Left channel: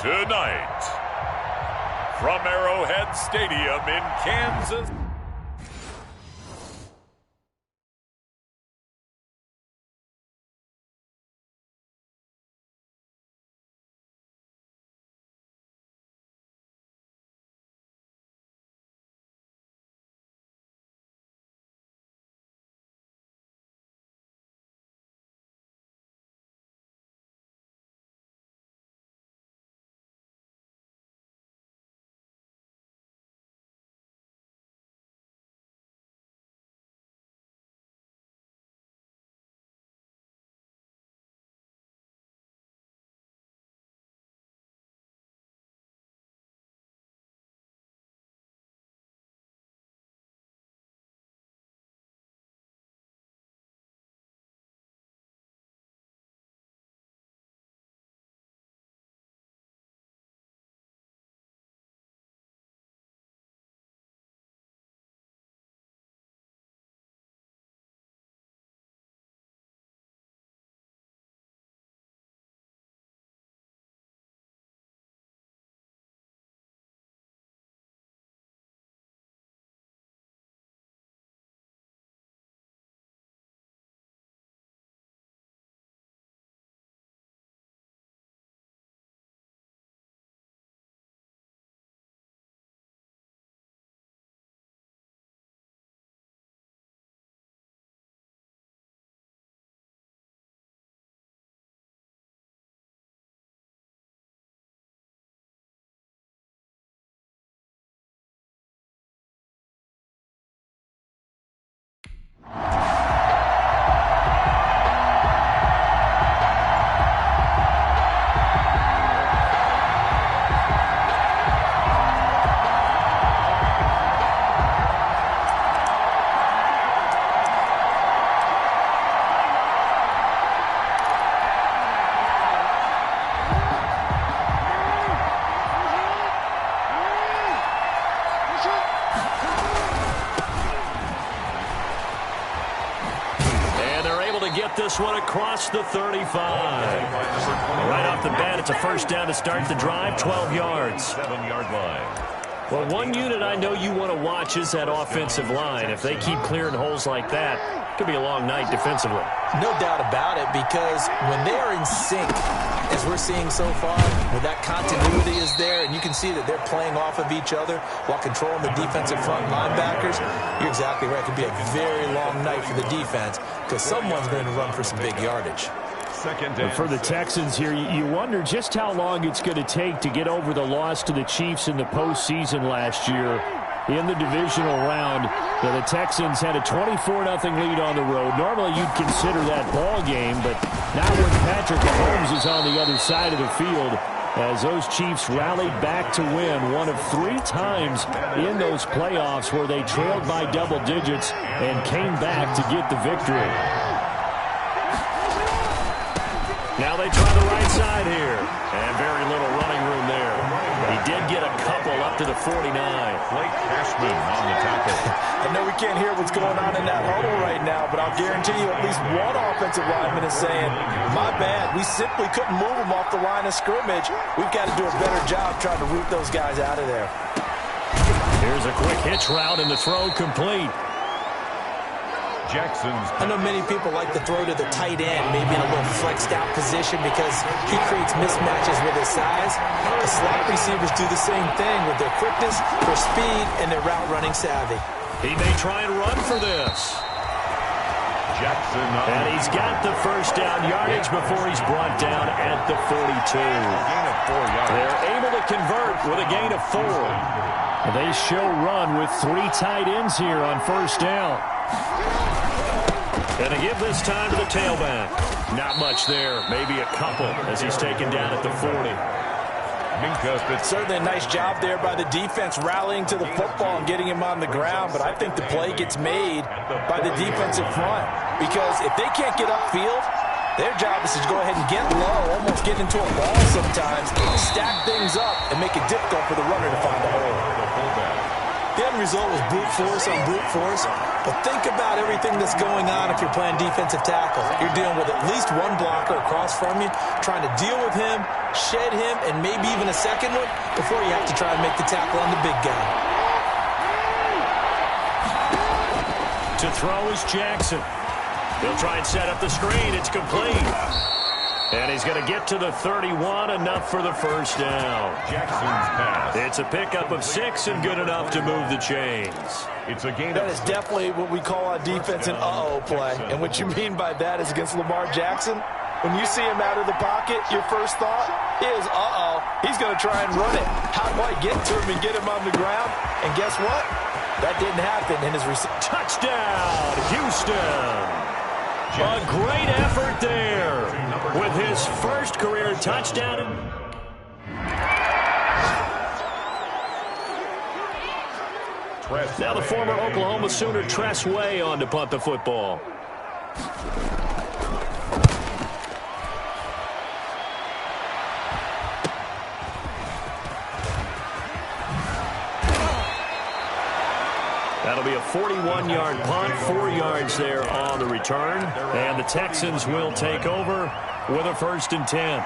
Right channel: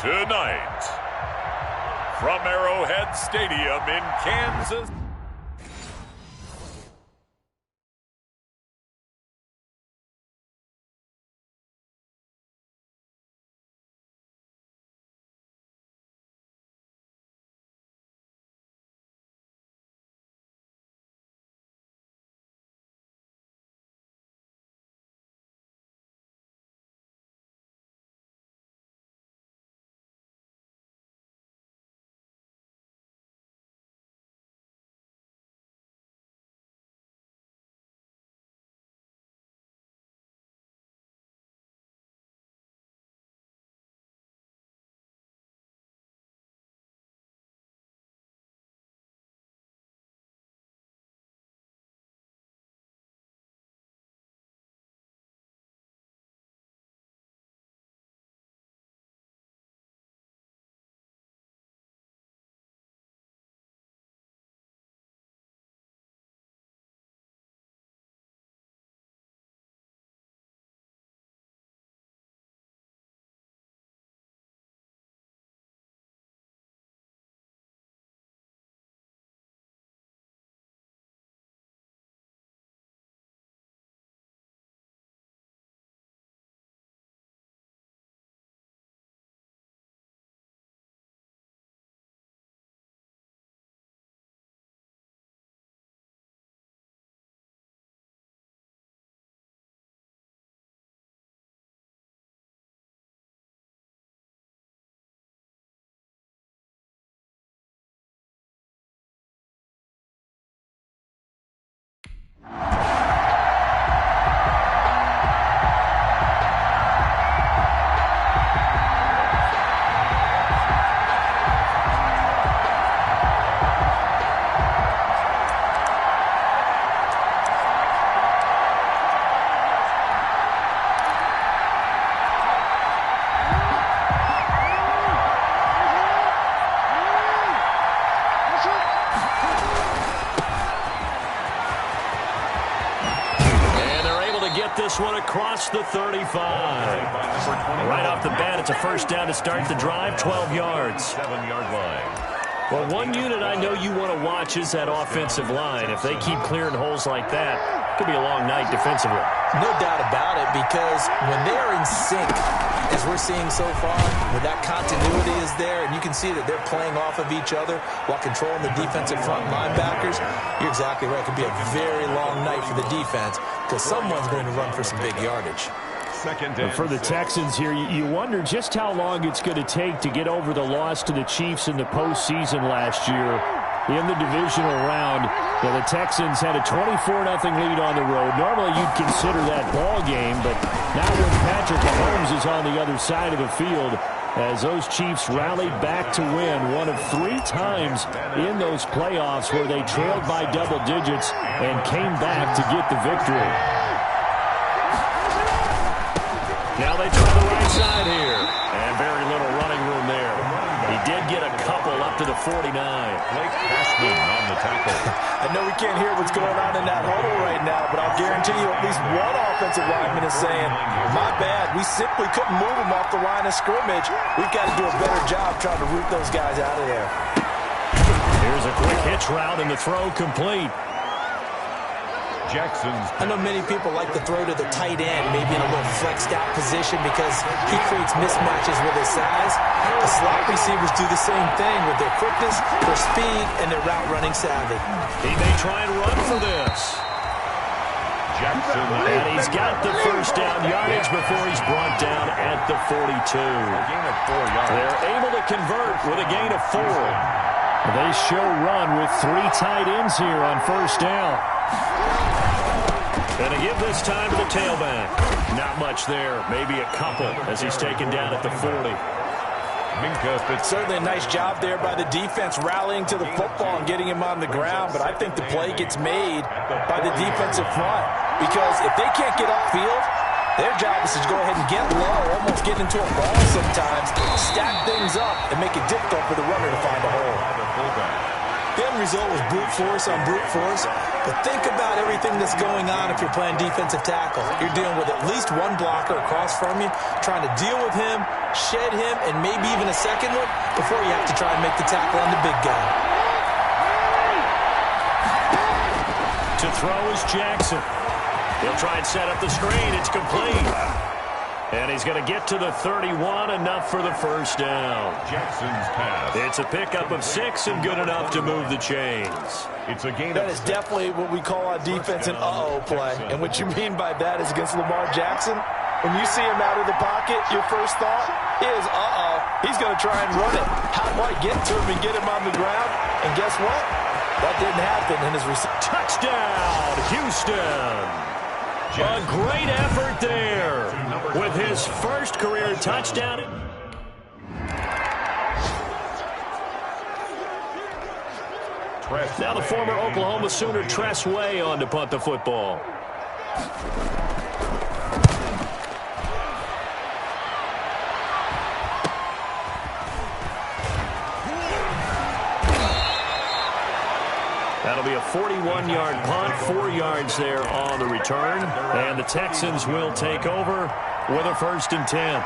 Tonight, from Arrowhead Stadium in Kansas. Get this one across the 35. Right off the bat, it's a first down to start the drive, 12 yards. 7-yard line. Well, one unit I know you want to watch is that offensive line. If they keep clearing holes like that, it could be a long night defensively. No doubt about it, because when they are in sync, as we're seeing so far, when that continuity is there, and you can see that they're playing off of each other while controlling the defensive front linebackers, you're exactly right. It could be a very long night for the defense, because someone's going to run for some big yardage. For the Texans here, you wonder just how long it's going to take to get over the loss to the Chiefs in the postseason last year. In the divisional round, the Texans had a 24-0 lead on the road. Normally, you'd consider that ball game, but now when Patrick Mahomes is on the other side of the field, as those Chiefs rallied back to win one of 3 times in those playoffs where they trailed by double digits and came back to get the victory. Now they try the right side here, and very little running room there. He did get a couple up to the 49. Blake Cashman on the tackle. I know we can't hear what's going on in that huddle right now, but I'll guarantee you at least one offensive lineman is saying, my bad, we simply couldn't move them off the line of scrimmage. We've got to do a better job trying to root those guys out of there. Here's a quick hitch route, and the throw complete. I know many people like to throw to the tight end, maybe in a little flexed out position because he creates mismatches with his size. The slot receivers do the same thing with their quickness, their speed, and their route running savvy. He may try and run for this. And he's got the first down yardage before he's brought down at the 42. A gain of 4 yards. They're able to convert with a gain of 4. They show run with 3 tight ends here on first down. And to give this time to the tailback. Not much there. Maybe a couple as he's taken down at the 40. Certainly a nice job there by the defense rallying to the football and getting him on the ground. But I think the play gets made by the defensive front. Because if they can't get upfield, their job is to go ahead and get low, almost get into a ball sometimes, stack things up, and make it difficult for the runner to find a hole. The end result was brute force on brute force. But think about everything that's going on if you're playing defensive tackle. You're dealing with at least one blocker across from you, trying to deal with him, shed him, and maybe even a second one before you have to try and make the tackle on the big guy. To throw is Jackson. He'll try and set up the screen. It's complete. And he's going to get to the 31, enough for the first down. Jackson's pass. It's a pickup of 6 and good enough to move the chains. It's a gain That of is 6. definitely what we call on defense an uh-oh play. And what you mean by that is against Lamar Jackson, when you see him out of the pocket, your first thought is, uh-oh, he's going to try and run it. How do I get to him and get him on the ground? And guess what? That didn't happen in his touchdown, Houston. A great effort there with his first career touchdown. Now the former Oklahoma Sooner Tress Way on to punt the football. That'll be a 41-yard punt, 4 yards there on the return. And the Texans will take over with a 1st and 10.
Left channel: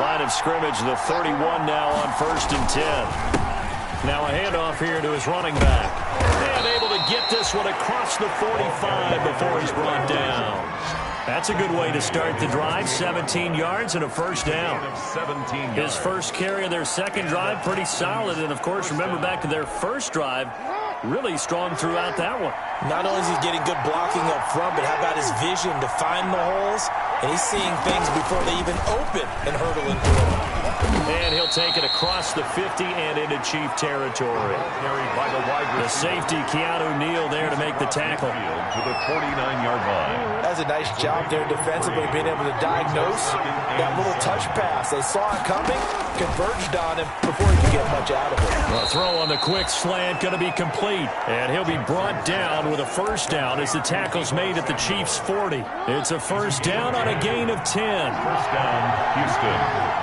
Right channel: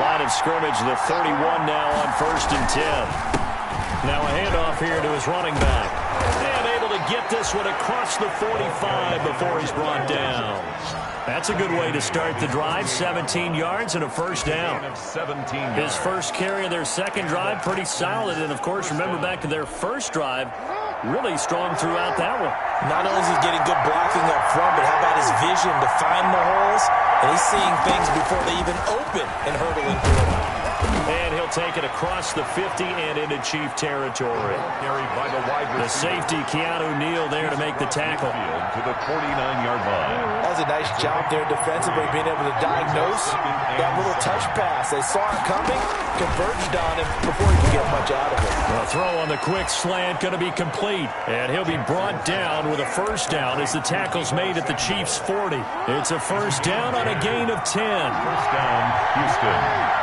Line of scrimmage, the 31 now on 1st and 10. Now a handoff here to his running back. And able to get this one across the 45 before he's brought down. That's a good way to start the drive. 17 yards and a first down. His first carry of their second drive, pretty solid. And, of course, remember back to their first drive, really strong throughout that one. Not only is he getting good blocking up front, but how about his vision to find the holes? And he's seeing things before they even open and hurdle into them. And he'll take it across the 50 and into Chief territory. Carried by the wide receiver. The safety, Keanu Neal, there to make the tackle. To the 49-yard line. That's a nice job there defensively, being able to diagnose that little touch pass. They saw it coming, converged on him before he could get much out of it. The throw on the quick slant going to be complete. And he'll be brought down with a first down as the tackle's made at the Chiefs' 40. It's a first down on a gain of 10. First down, Houston.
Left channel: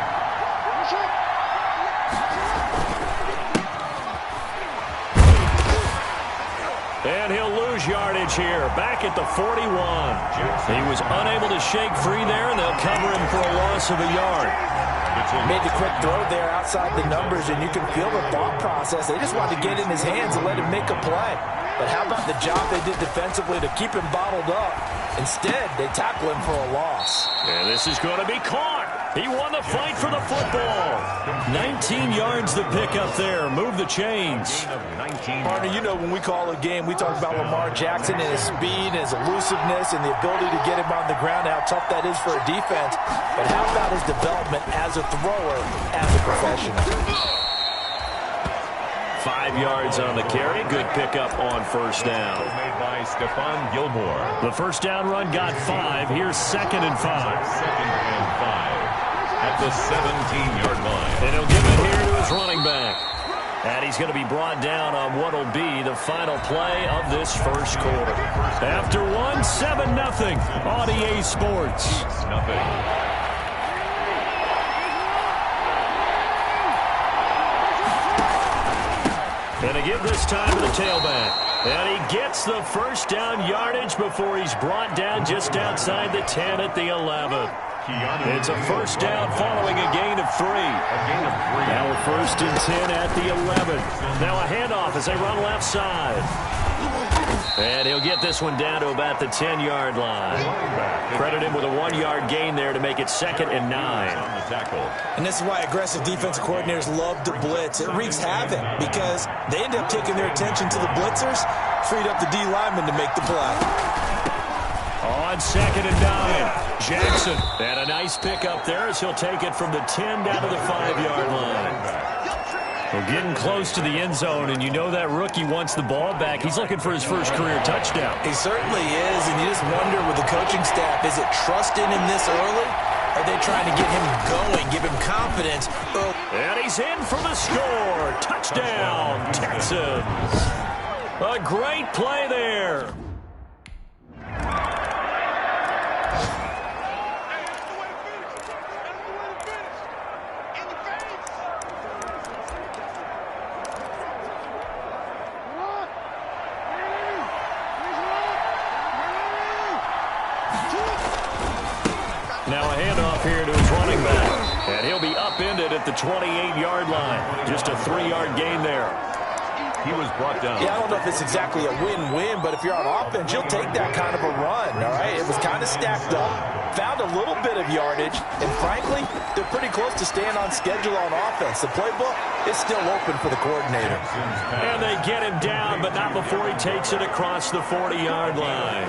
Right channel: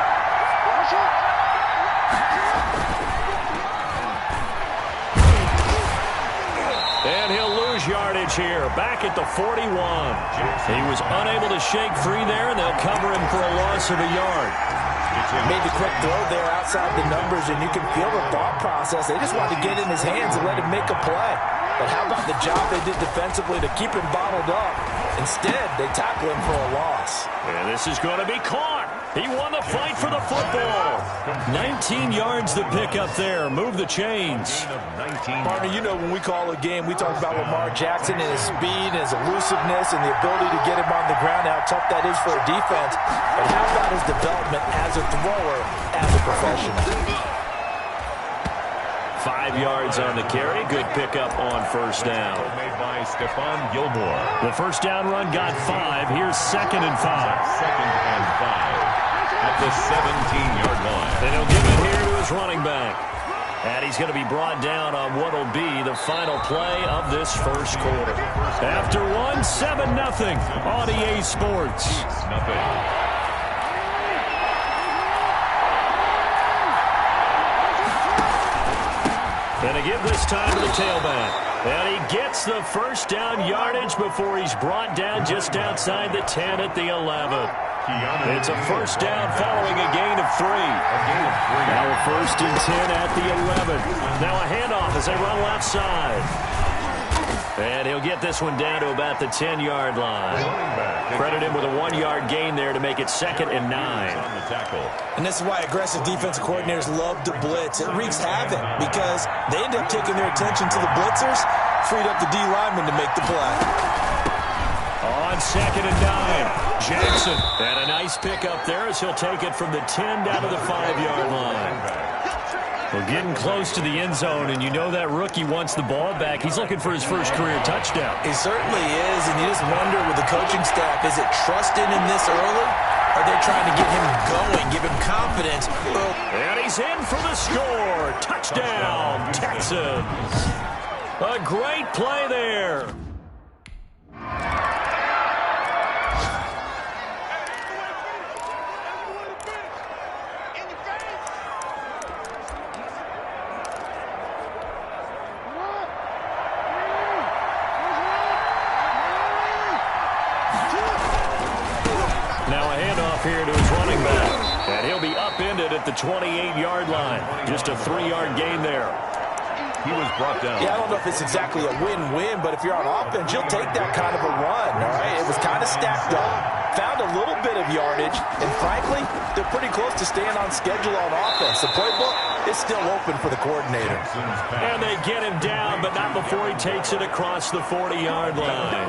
And he'll lose yardage here, back at the 41. He was unable to shake free there, and they'll cover him for a loss of a yard. Made the quick throw there outside the numbers, and you can feel the thought process. They just wanted to get in his hands and let him make a play. But how about the job they did defensively to keep him bottled up? Instead, they tackle him for a loss. And this is going to be caught. He won the fight for the football. 19 yards to pick up there. Move the chains. Partner, you know when we call a game, we talk about Lamar Jackson and his speed and his elusiveness and the ability to get him on the ground, how tough that is for a defense. But how about his development as a thrower, as a professional? 5 yards on the carry. Good pickup on first down. Made by Stephon Gilmore. The first down run got 5. Here's 2nd and 5. 2nd and 5 at the 17-yard line. And he'll give it here to his running back. And he's going to be brought down on what will be the final play of this first quarter. After one, 7-0 on EA Sports. Nothing. And to give this time to the tailback. And he gets the first down yardage before he's brought down just outside the 10 at the 11. It's a first down following a gain of 3. Now a 1st and 10 at the 11. Now a handoff as they run left side. And he'll get this one down to about the 10-yard line. Credit him with a 1-yard gain there to make it 2nd and 9. And this is why aggressive defensive coordinators love to blitz. It wreaks havoc because they end up taking their attention to the blitzers, freed up the D lineman to make the play. On 2nd and 9, Jackson. And a nice pickup there as he'll take it from the 10 down to the 5-yard line. Well, getting close to the end zone, and you know that rookie wants the ball back. He's looking for his first career touchdown. He certainly is, and you just wonder with the coaching staff, is it trust in him this early? Are they trying to get him going, give him confidence? And he's in for the score. Touchdown, Texans. A great play there. Now a handoff here to his running back. And he'll be upended at the 28-yard line. Just a 3-yard gain there. He was brought down. Yeah, I don't know if it's exactly a win-win, but if you're on offense, you'll take that kind of a run, all right? It was kind of stacked up, found a little bit of yardage, and frankly, they're pretty close to staying on schedule on offense. The playbook is still open for the coordinator. And they get him down, but not before he takes it across the 40-yard line.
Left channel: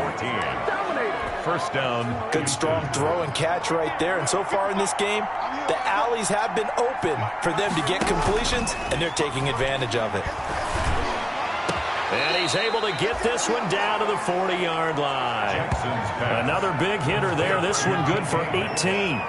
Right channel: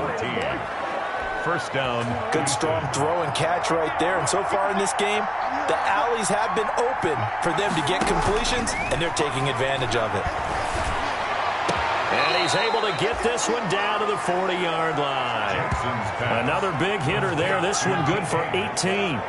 First down. Good strong throw and catch right there. And so far in this game, the alleys have been open for them to get completions, and they're taking advantage of it. And he's able to get this one down to the 40-yard line. Another big hitter there. This one good for 18.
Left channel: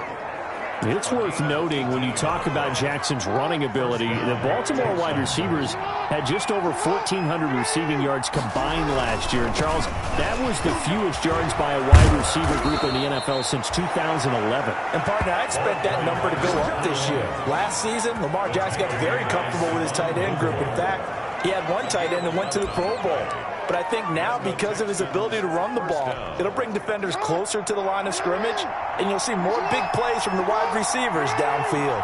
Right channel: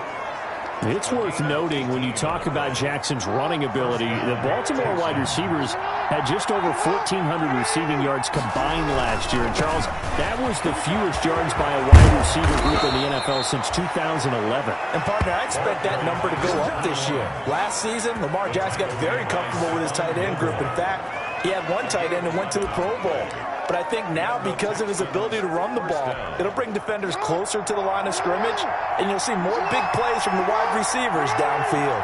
It's worth noting when you talk about Jackson's running ability, the Baltimore wide receivers had just over 1,400 receiving yards combined last year. And, Charles, that was the fewest yards by a wide receiver group in the NFL since 2011. And, partner, I expect that number to go up this year. Last season, Lamar Jackson got very comfortable with his tight end group. In fact, he had one tight end and went to the Pro Bowl. But I think now, because of his ability to run the ball, it'll bring defenders closer to the line of scrimmage, and you'll see more big plays from the wide receivers downfield.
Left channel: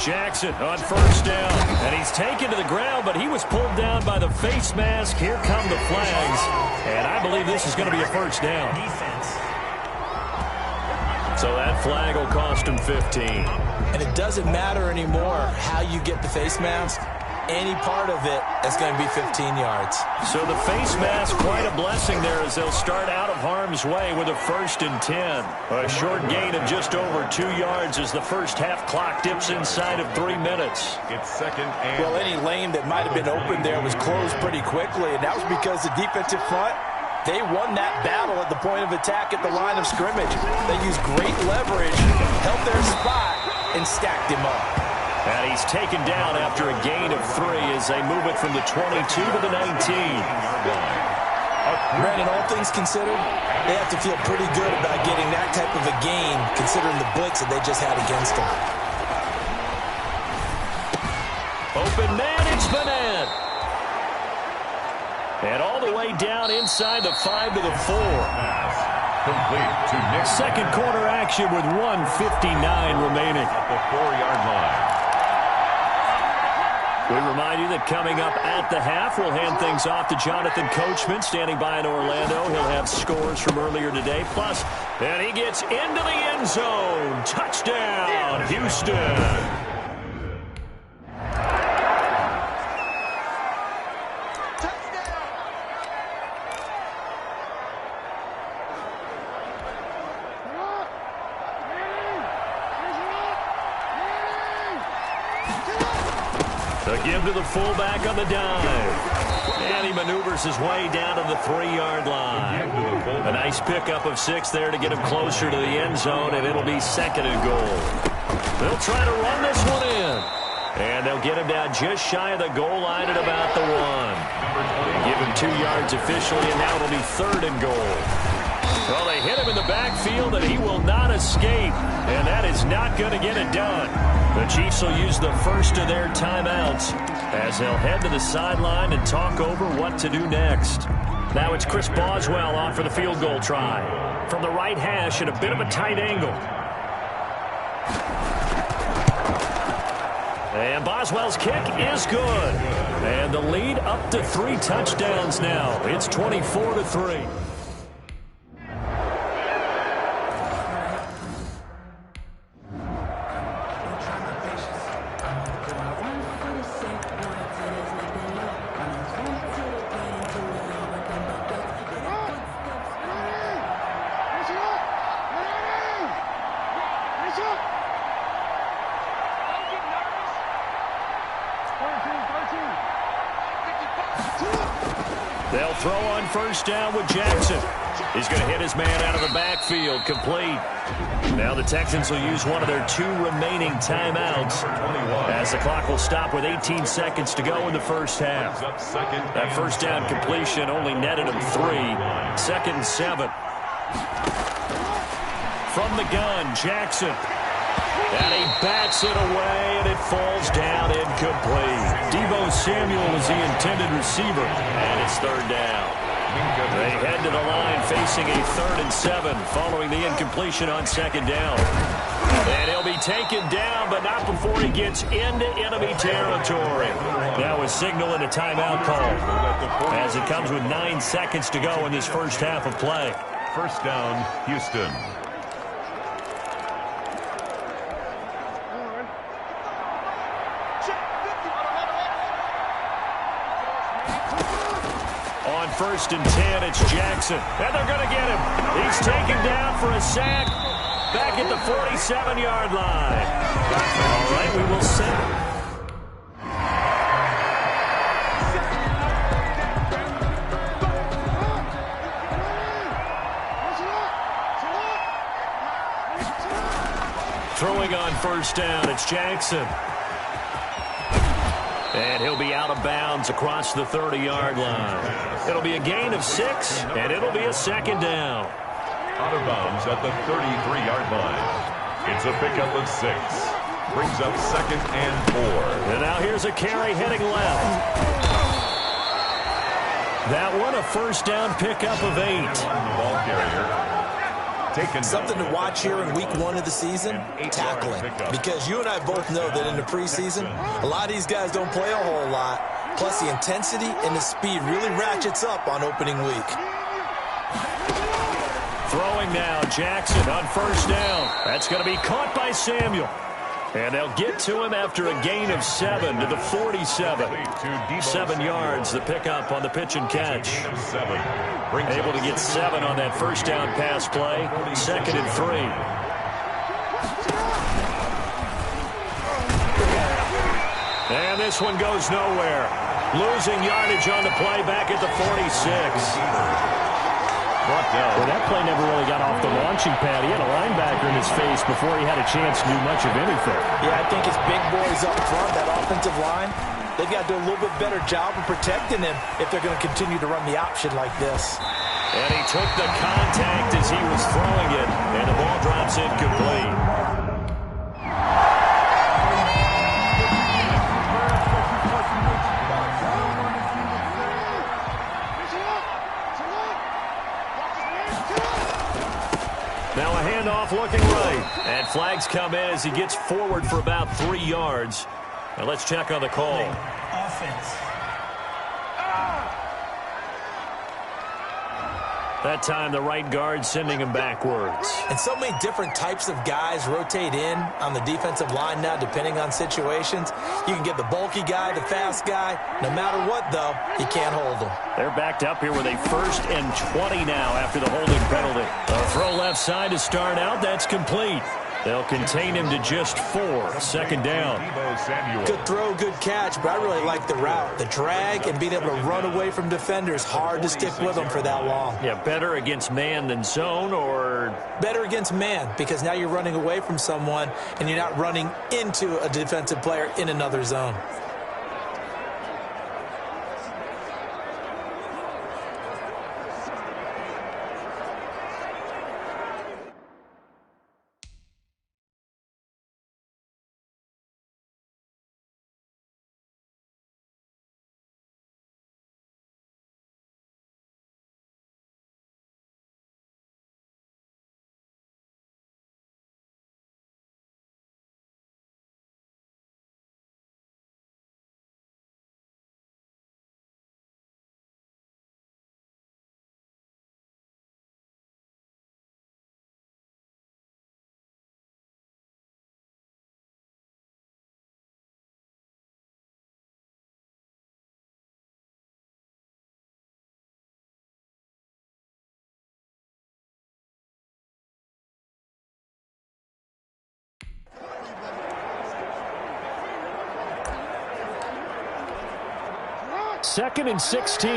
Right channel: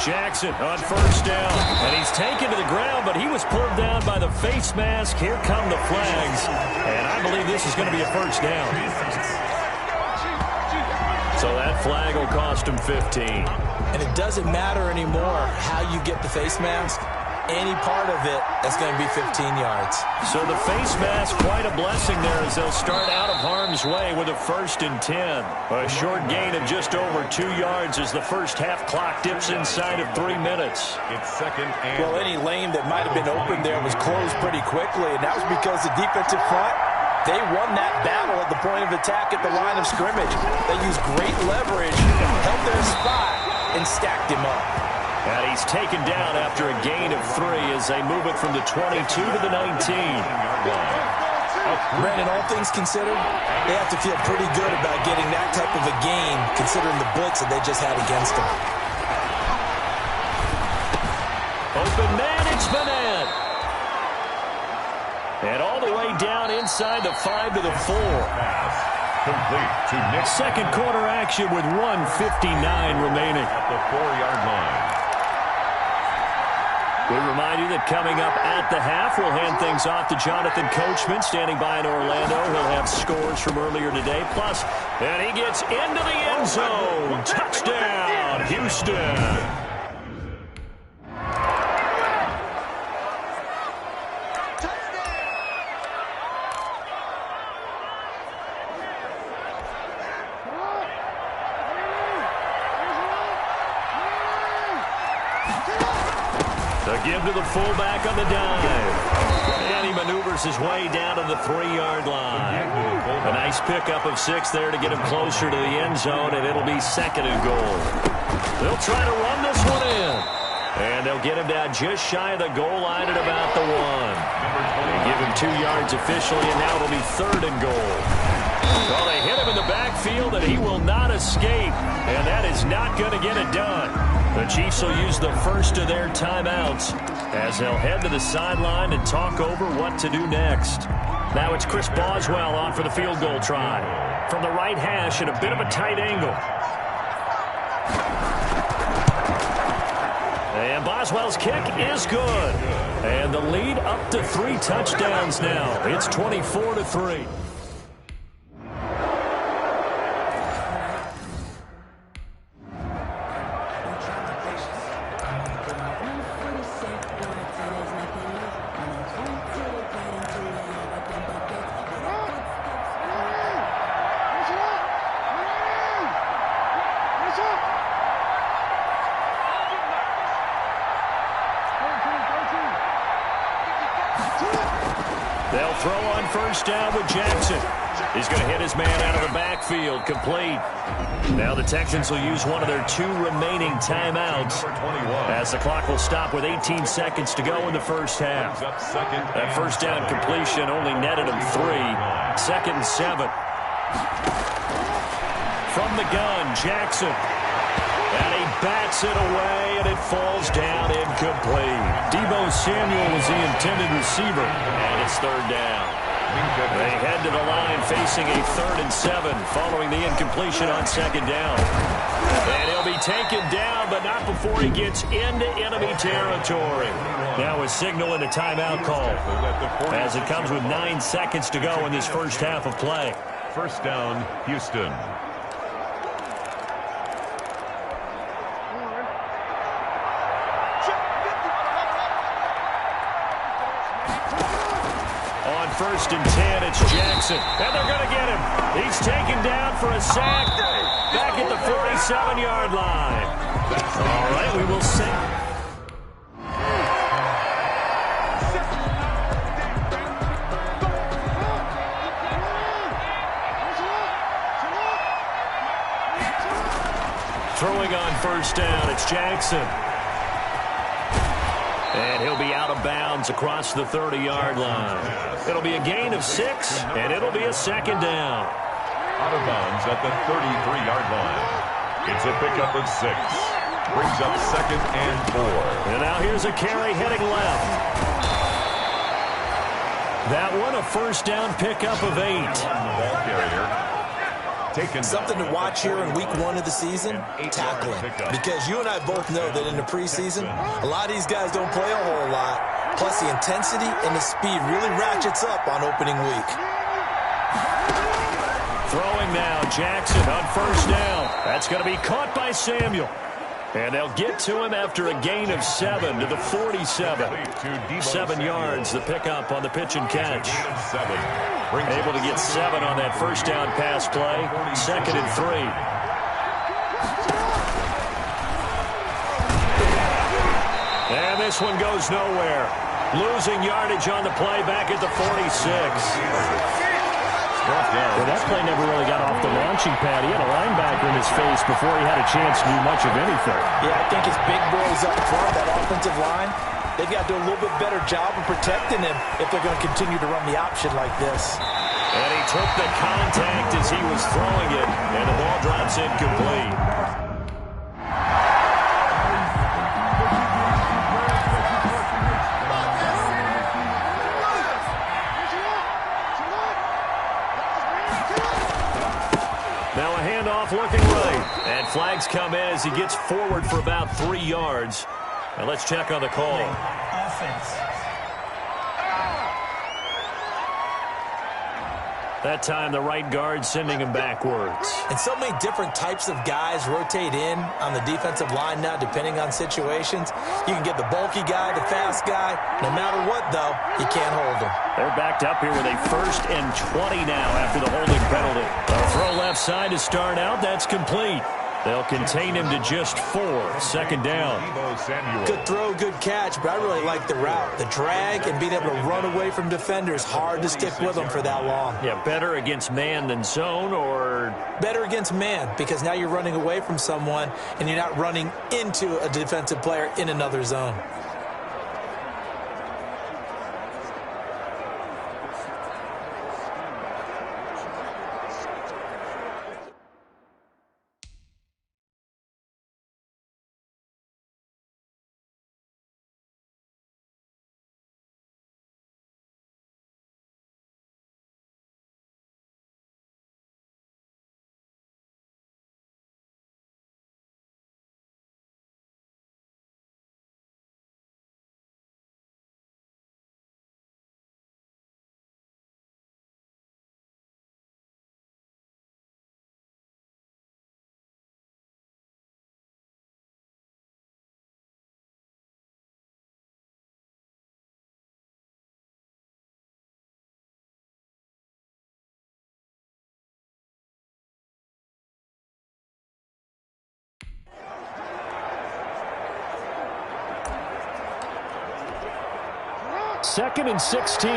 Jackson on first down, and he's taken to the ground, but he was pulled down by the face mask. Here come the flags, and I believe this is going to be a first down. So that flag will cost him 15. And it doesn't matter anymore how you get the face mask. Any part of it, that's going to be 15 yards. So the face mask, quite a blessing there as they'll start out of harm's way with a 1st and 10. A short gain of just over 2 yards as the first half clock dips inside of 3 minutes. It's second and... Well, any lane that might have been open there was closed pretty quickly, and that was because the defensive front, they won that battle at the point of attack at the line of scrimmage. They used great leverage, held their spot, and stacked him up. And he's taken down after a gain of 3 as they move it from the 22 to the 19-yard line. Brandon, all things considered, they have to feel pretty good about getting that type of a gain considering the blitz that they just had against them. Open man, it's Bennett. And all the way down inside the 5 to the 4. Pass complete to Nick. Second quarter action with 1:59 remaining. At the 4-yard line. We remind you that coming up at the half, we'll hand things off to Jonathan Coachman, standing by in Orlando. He'll have scores from earlier today. Plus, and he gets into the end zone. Touchdown, Houston. The give to the fullback on the dive. And he maneuvers his way down to the 3-yard line. A nice pickup of 6 there to get him closer to the end zone, and it'll be 2nd and goal. They'll try to run this one in. And they'll get him down just shy of the goal line at about the 1. They give him 2 yards officially, and now it'll be 3rd and goal. Well, they hit him in the backfield, and he will not escape. And that is not going to get it done. The Chiefs will use the first of their timeouts as they'll head to the sideline and talk over what to do next. Now it's Chris Boswell on for the field goal try. From the right hash at a bit of a tight angle. And Boswell's kick is good. And the lead up to 3 touchdowns now. It's 24-3. They'll throw on first down with Jackson. He's going to hit his man out of the backfield, complete. Now the Texans will use one of their 2 remaining timeouts as the clock will stop with 18 seconds to go in the first half. That first down completion only netted him 3. 2nd and 7. From the gun, Jackson. And he bats it away, and it falls down incomplete. Deebo Samuel was the intended receiver, and it's 3rd down. They head to the line facing a 3rd and 7 following the incompletion on 2nd down. And he'll be taken down, but not before he gets into enemy territory. Now a signal and a timeout call as it comes with 9 seconds to go in this first half of play. First down, Houston. On 1st and 10, it's Jackson. And they're going to get him. He's taken down for a sack back at the 47-yard line. All right, we will set. Throwing on 1st down, it's Jackson. And he'll be out of bounds across the 30-yard line. It'll be a gain of 6, and it'll be a 2nd down. Out of bounds at the 33-yard line. It's a pickup of 6. Brings up 2nd and 4. And now here's a carry heading left. That one, a 1st down pickup of 8. The ball carrier. Something to watch here in week 1 of the season, tackling. Because you and I both know that in the preseason, a lot of these guys don't play a whole lot. Plus, the intensity and the speed really ratchets up on opening week. Throwing now, Jackson on 1st down. That's going to be caught by Samuel. And they'll get to him after a gain of 7 to the 47. 7 yards, the pickup on the pitch and catch. Able to get 7 on that 1st down pass play. 2nd and 3. And this one goes nowhere. Losing yardage on the play back at the 46. Well, that play never really got off the launching pad. He had a linebacker in his face before he had a chance to do much of anything. Yeah, I think his big boys up front, that offensive line, they've got to do a little bit better job of protecting him if they're going to continue to run the option like this. And he took the contact as he was throwing it, and the ball drops incomplete. Now a handoff looking right. And flags come in as he gets forward for about 3 yards. Now let's check on the call. Offense. That time the right guard sending him backwards. And so many different types of guys rotate in on the defensive line now depending on situations. You can get the bulky guy, the fast guy. No matter what, though, you can't hold them. They're backed up here with a 1st and 20 now after the holding penalty. A throw left side to start out. That's complete. They'll contain him to just 4. 2nd down. Good throw, good catch, but I really like the route. The drag and being able to run away from defenders, hard to stick with them for that long. Yeah, better against man than zone, or? Better against man, because now you're running away from someone and you're not running into a defensive player in another zone. Second and 16.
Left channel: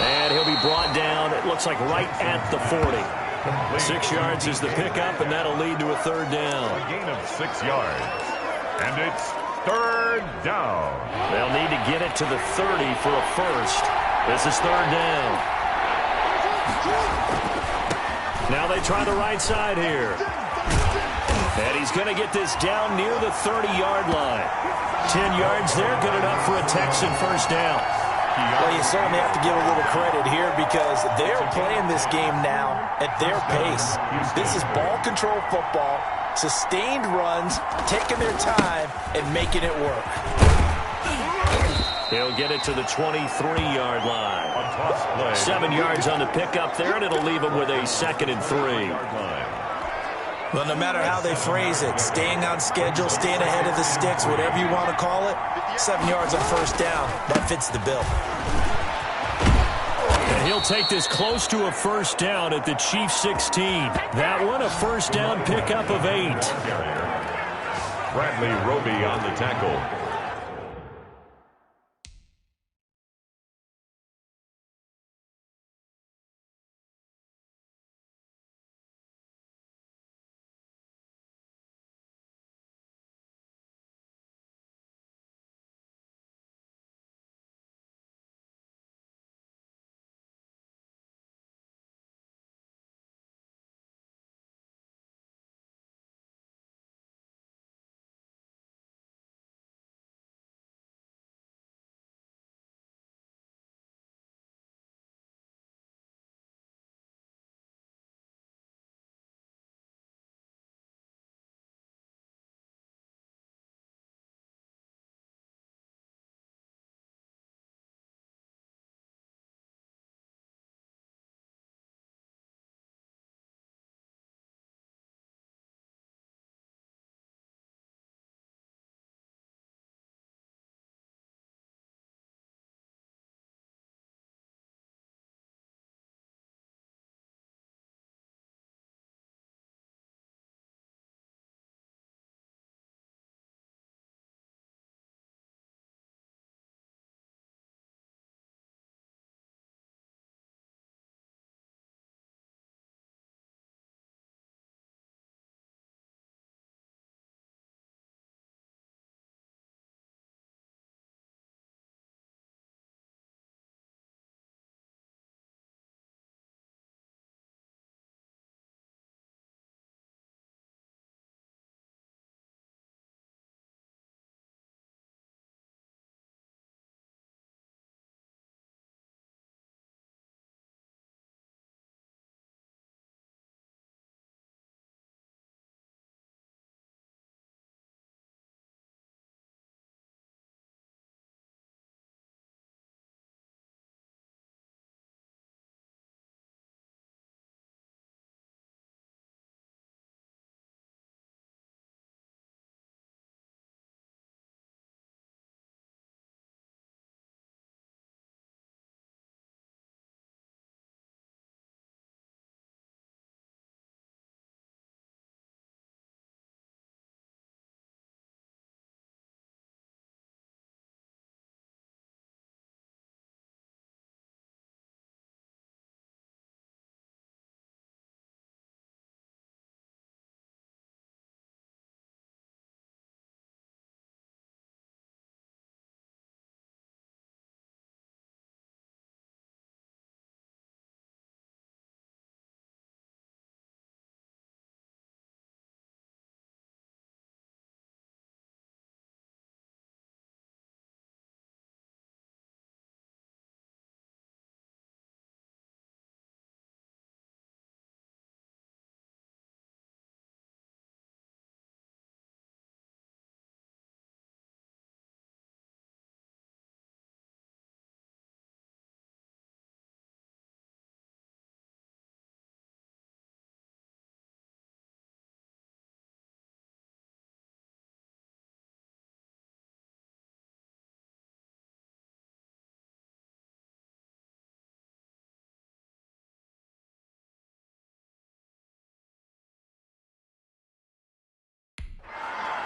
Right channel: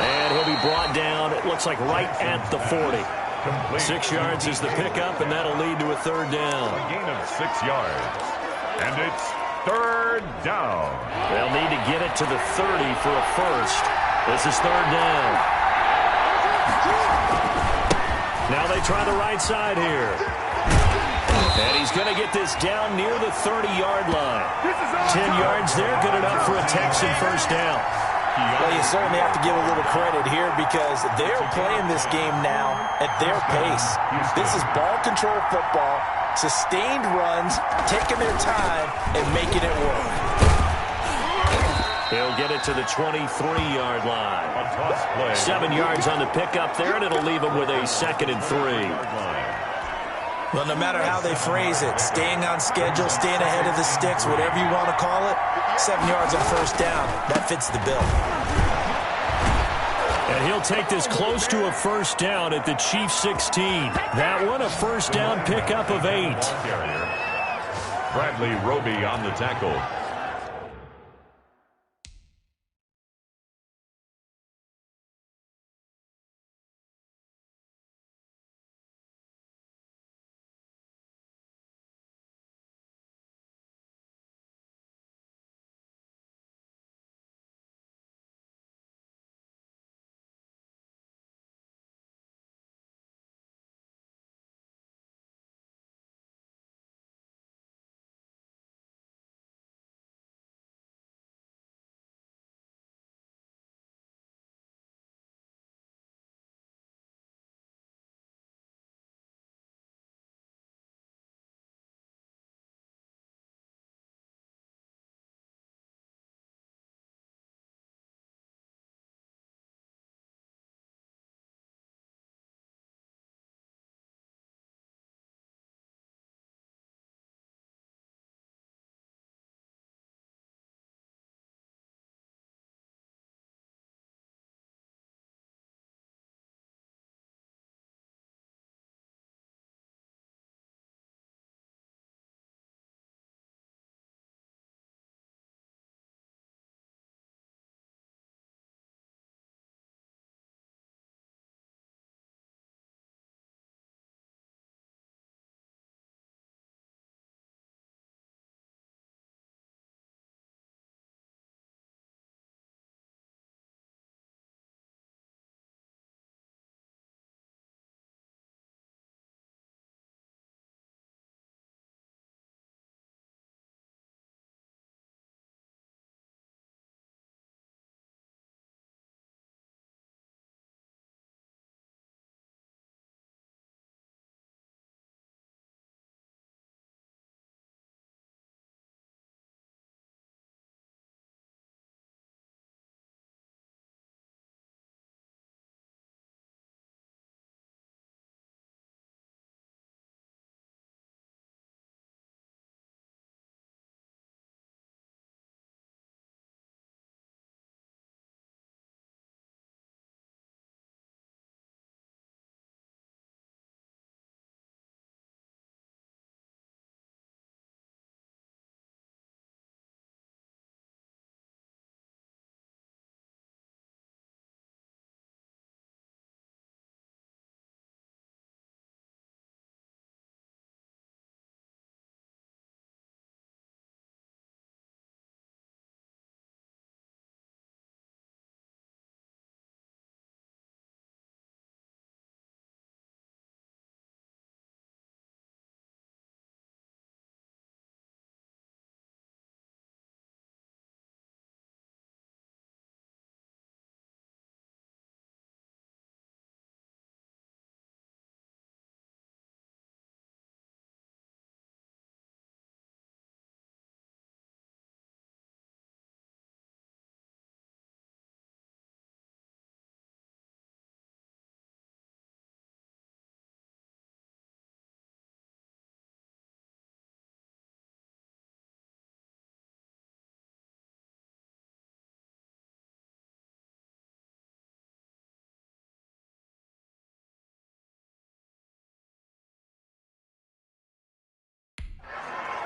And he'll be brought down, it looks like right at the 40. 6 yards is the pickup, and that'll lead to a 3rd down. A gain of 6 yards. And it's 3rd down. They'll need to get it to the 30 for a first. This is 3rd down. Now they try the right side here. And he's going to get this down near the 30-yard line. 10 yards there, good enough for a Texan first down. Well, you certainly have to give a little credit here because they're playing this game now at their pace. This is ball control football, sustained runs, taking their time, and making it work. He'll get it to the 23-yard line. 7 yards on the pickup there, and it'll leave him with a 2nd and 3. Well, no matter how they phrase it, staying on schedule, staying ahead of the sticks, whatever you want to call it, 7 yards on first down, that fits the bill. And he'll take this close to a first down at the Chiefs 16. That one, a first down pickup of 8. Bradley Roby on the tackle.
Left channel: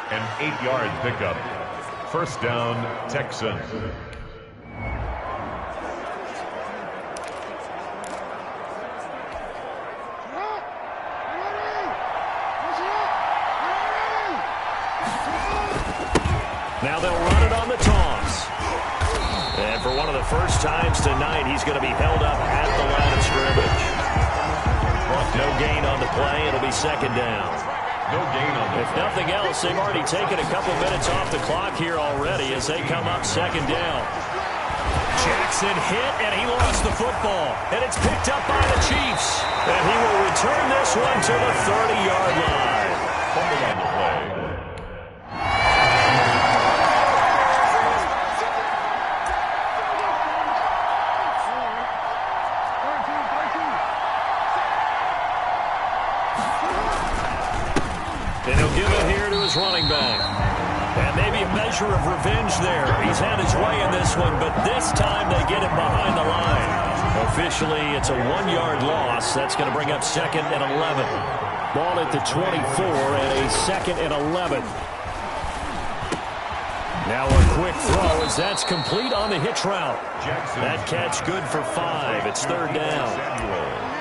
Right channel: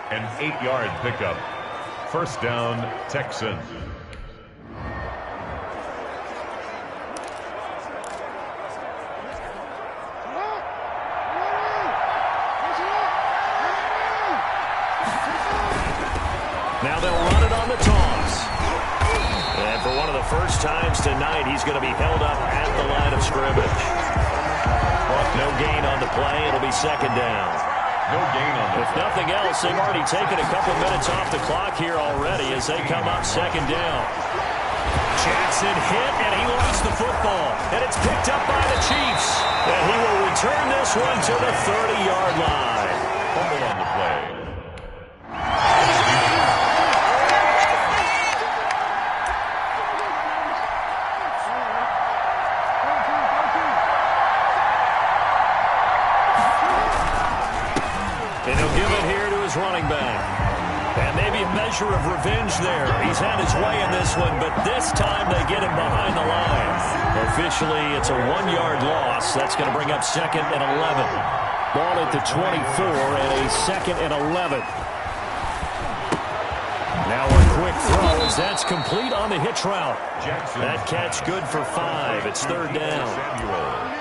An 8-yard pickup. First down, Texans. Now they'll run it on the toss. And for one of the first times tonight, he's going to be held up at the line of scrimmage. No gain on the play. It'll be second down. No gain on the If play. nothing else, they've already taken a couple minutes off the clock here already as they come up second down. Jackson hit, and he lost the football. And it's picked up by the Chiefs. And he will return this one to the 30-yard line. Fumble on the play. And he'll give it here to his running back. And maybe a measure of revenge there. He's had his way in this one, but this time they get him behind the line. Officially, it's a 1-yard loss. That's going to bring up 2nd and 11. Ball at the 24 and a 2nd and 11. Now a quick throw as that's complete on the hitch route. That catch good for 5. It's 3rd down.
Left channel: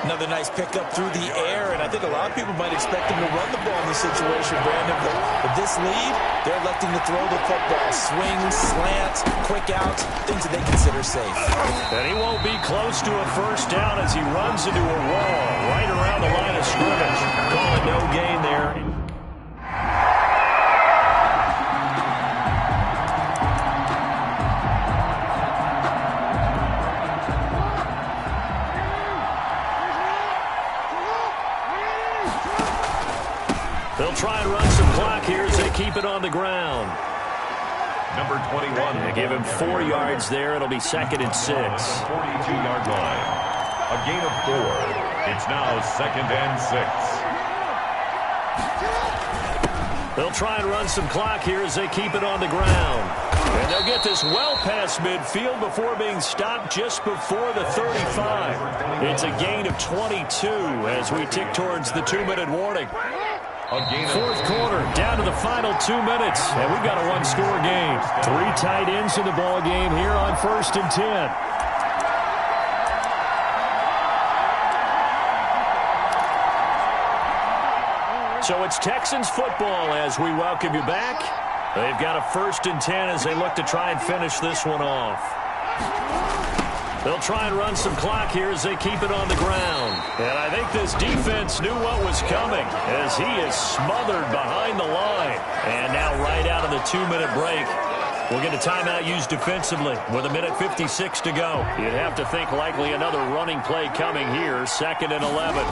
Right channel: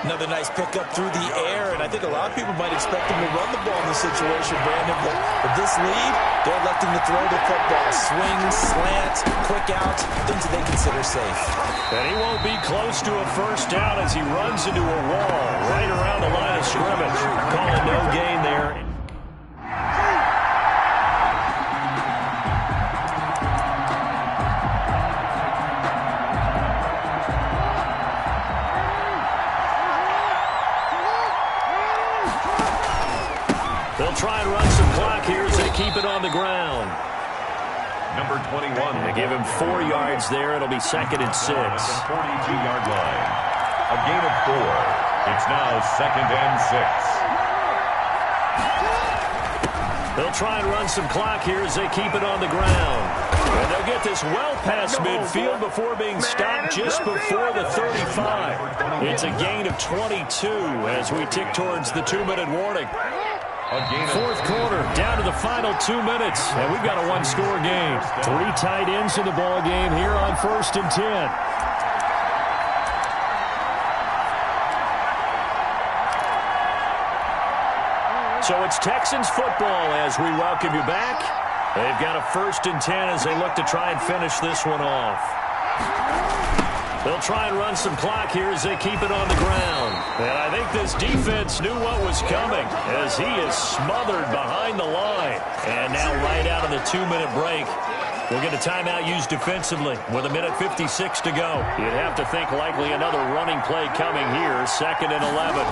Another nice pickup through the air, and I think a lot of people might expect him to run the ball in this situation, Brandon. But with this lead, they're electing to throw the football. Swings, slants, quick outs, things that they consider safe. And he won't be close to a first down as he runs into a wall right around the line of scrimmage. Calling no gain there. They'll try and run some clock here as they keep it on the ground. Number 21. They give him 4 yards there. It'll be 2nd and 6. 42-yard line. A gain of 4. It's now 2nd and 6. They'll try and run some clock here as they keep it on the ground. And they'll get this well past midfield before being stopped just before the 35. It's a gain of 22 as we tick towards the 2-minute warning. Fourth quarter, down to the final 2 minutes, and we've got a 1-score game. 3 tight ends in the ball game here on 1st and 10. So it's Texans football as we welcome you back. They've got a 1st and 10 as they look to try and finish this one off. They'll try and run some clock here as they keep it on the ground. And I think this defense knew what was coming as he is smothered behind the line. And now right out of the 2-minute break, we'll get a timeout used defensively with 1:56 to go. You'd have to think likely another running play coming here, 2nd and 11.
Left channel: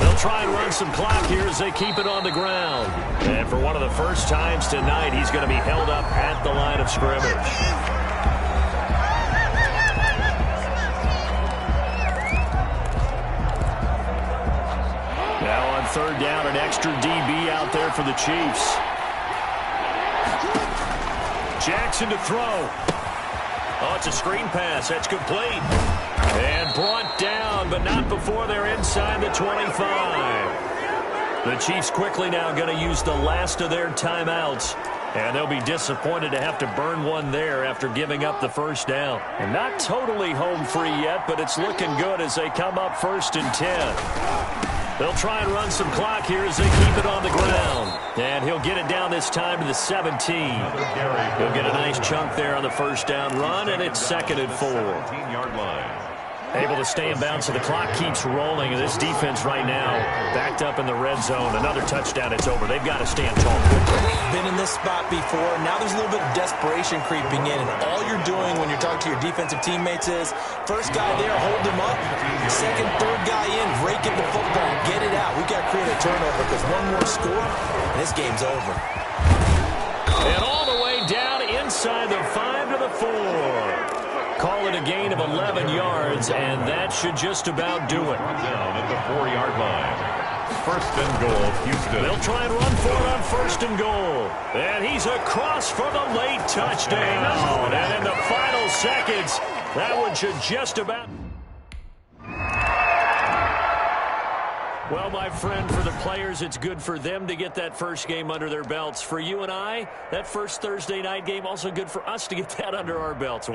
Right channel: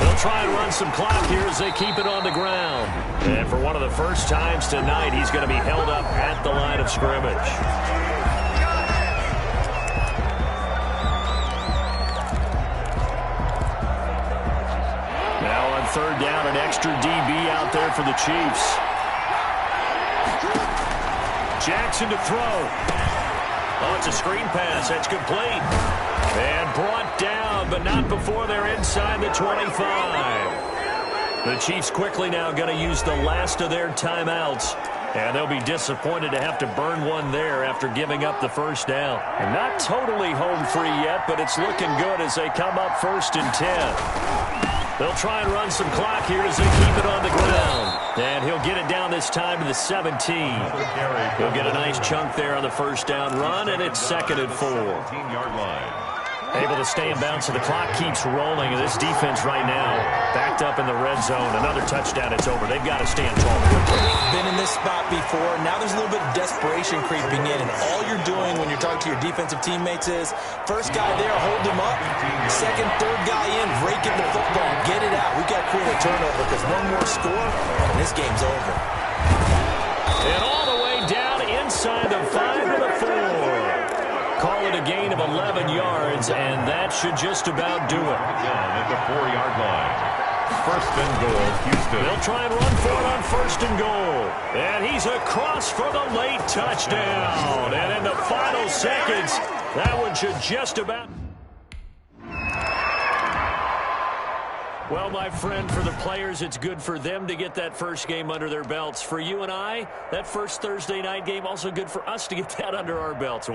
They'll try and run some clock here as they keep it on the ground. And for one of the first times tonight, he's going to be held up at the line of scrimmage. Now on 3rd down, an extra DB out there for the Chiefs. Jackson to throw. Oh, it's a screen pass. That's complete. And brought down, but not before they're inside the 25. The Chiefs quickly now going to use the last of their timeouts. And they'll be disappointed to have to burn one there after giving up the first down. And not totally home free yet, but it's looking good as they come up 1st and 10. They'll try and run some clock here as they keep it on the ground. And he'll get it down this time to the 17. He'll get a nice chunk there on the first down run, and it's 2nd and 4. 14-yard line. Able to stay in bounds, so the clock keeps rolling. And this defense right now backed up in the red zone. Another touchdown, it's over. They've got to stand tall quickly. Been in this spot before. Now there's a little bit of desperation creeping in. And all you're doing when you're talking to your defensive teammates is, first guy there, hold him up. Second, third guy in, rake in the football. Get it out. We've got to create a turnover because one more score, and this game's over. And all the way down inside the 5 to the 4. Call it a gain of 11 yards, and that should just about do it. Down at the 4-yard line. 1st and goal, Houston. They'll try and run for it on 1st and goal. And he's across for the late touchdown. And in the final seconds, that one should just about... Well, my friend, for the players, it's good for them to get that first game under their belts. For you and I, that first Thursday night game, also good for us to get that under our belts.